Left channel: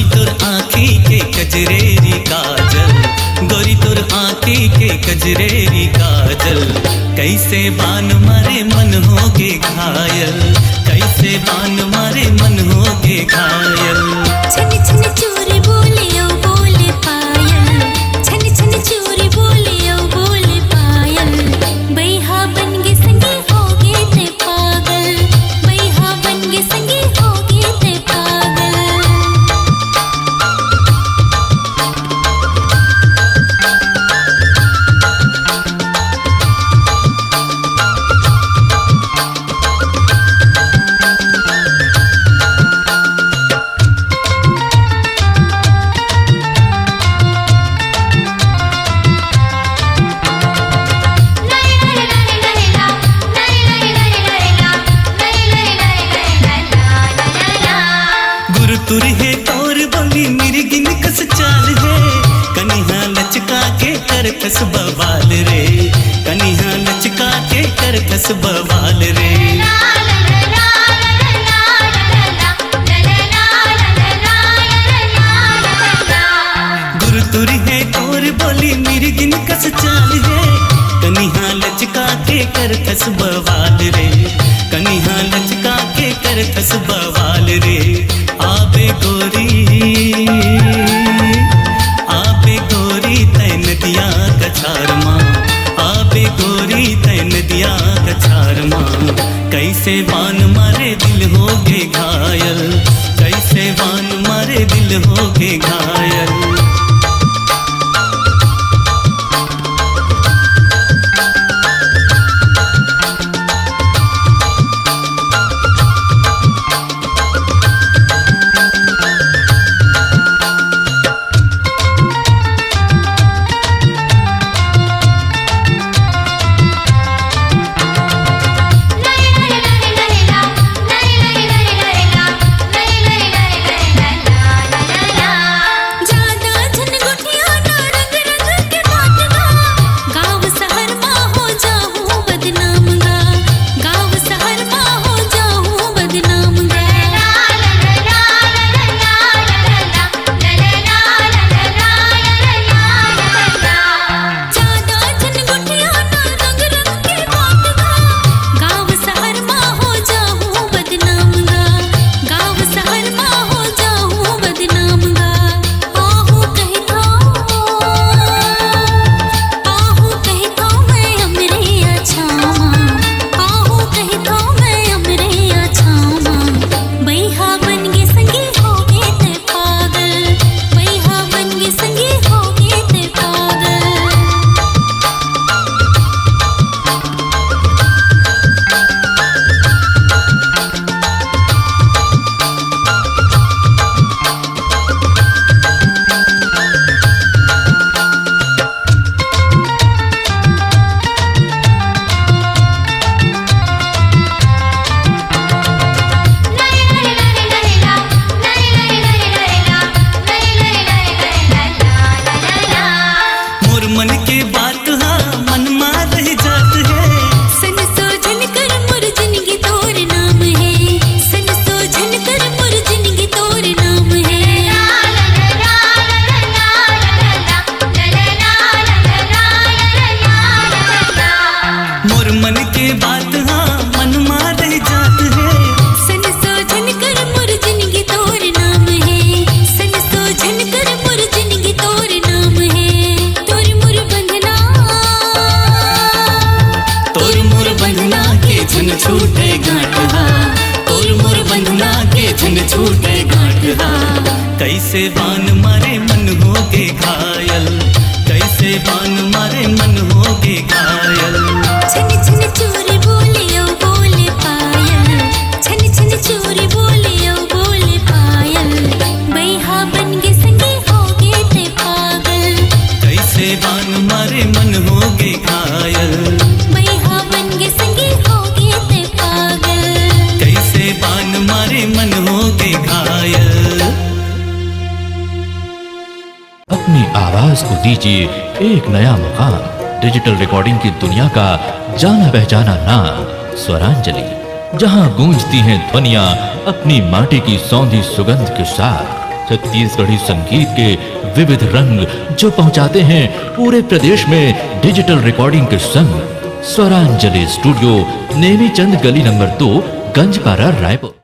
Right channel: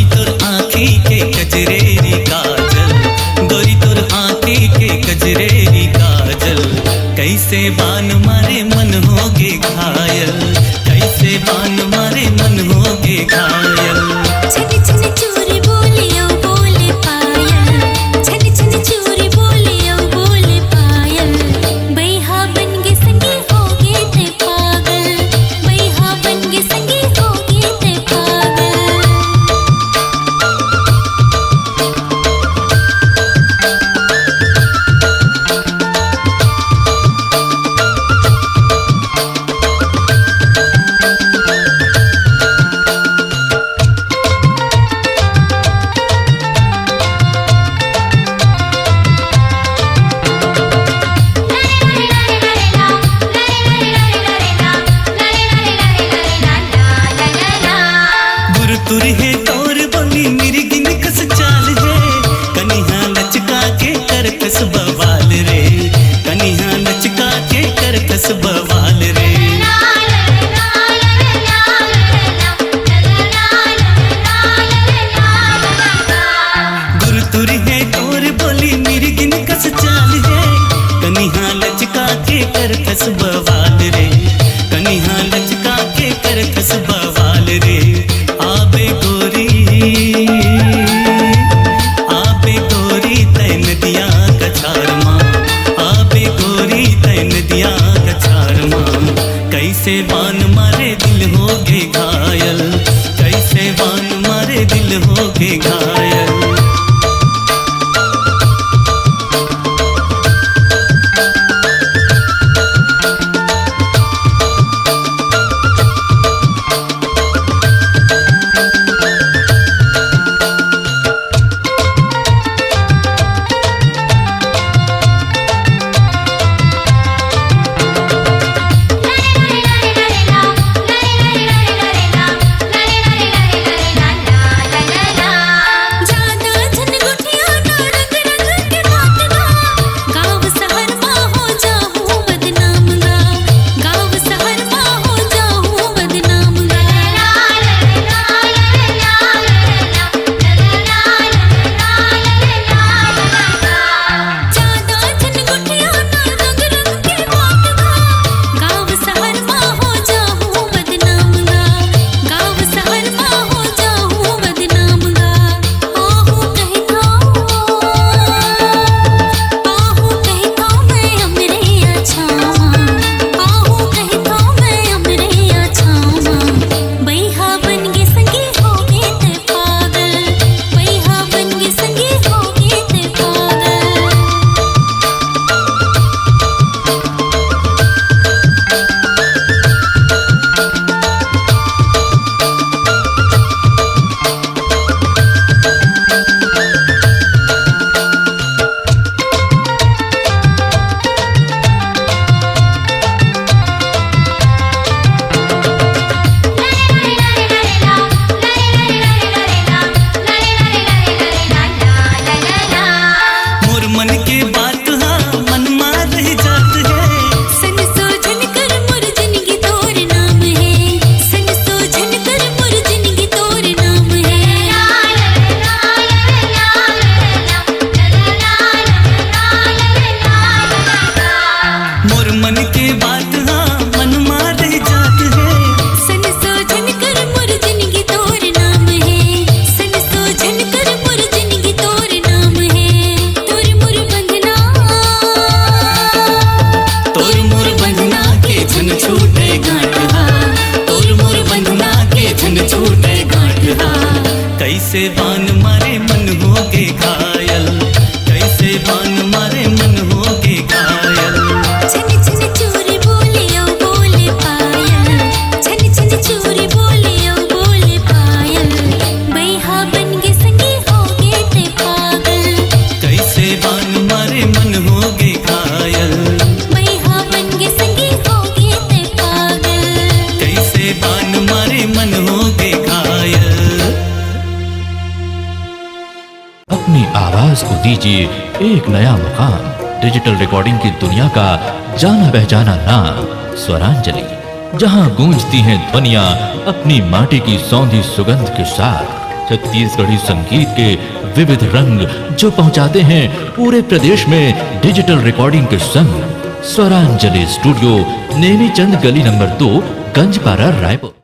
गोरी तोर आँखी के कजरेरी काजल, गोरी तोर आँखी के कजरेरी काजल, कैसे बान मारे मन होगे घायल, कैसे बान मारे मन होगे घायल। छन छन चूरी बोले ओ बोले पायल, छन छन चूरी बोले ओ बोले पायल, बैहा बन गे संगी होगे ते पागल, बैहा बन गे संगी होगे ते पागल। तुरी है तोर बोली मेरी गिन कस चाल है, कनिहा लचका के कर कस बवाल रे, कनिहा लचका के कर कस बवाल रे। गुरु तुरी है तोर बोली मेरी गिन कस चाल है, कनिहा लचका के कर कस बवाल रे, कनिहा लचका के कर कस बवाल रे। आबे गोरी तैन दिया कछार माँ, आबे गोरी तैन दिया कछार माँ, कैसे बान मारे दिल होगे घायल, कैसे बान मारे दिल होगे घायल। कैसे बान मारे मन होगे घायल, कैसे बान मारे मन होगे घायल। छन छन चूरी बोले ओ बोले पायल, छन छन चूरी बोले ओ बोले पायल, बैहा बन गे संगी होगे ते पागल, कैसे बान मारे मन होगे घायल, बैहा बन गे संगी होगे ते पागल, कैसे बान मारे मन होगे घायल। अपनी आवाज को दीजिए एक नया मुकाम। डिजिटल रिकॉर्डिंग की दुनिया का जाना पहचाना नाम स्वरांजलि, जहां गूंजती हैं ध्वनियां अपनी माटी की सौंधी सुगंध के साथ। छत्तीसगढ़ी संगीत के विविध रंग जो पहुंचाते हैं पूरे प्रदेश में डिजिटल रिकॉर्डिंग के संग। स्वरांजलि स्टूडियो, नेमीचंद गली नंबर 2, गंजपारा, रायपुर।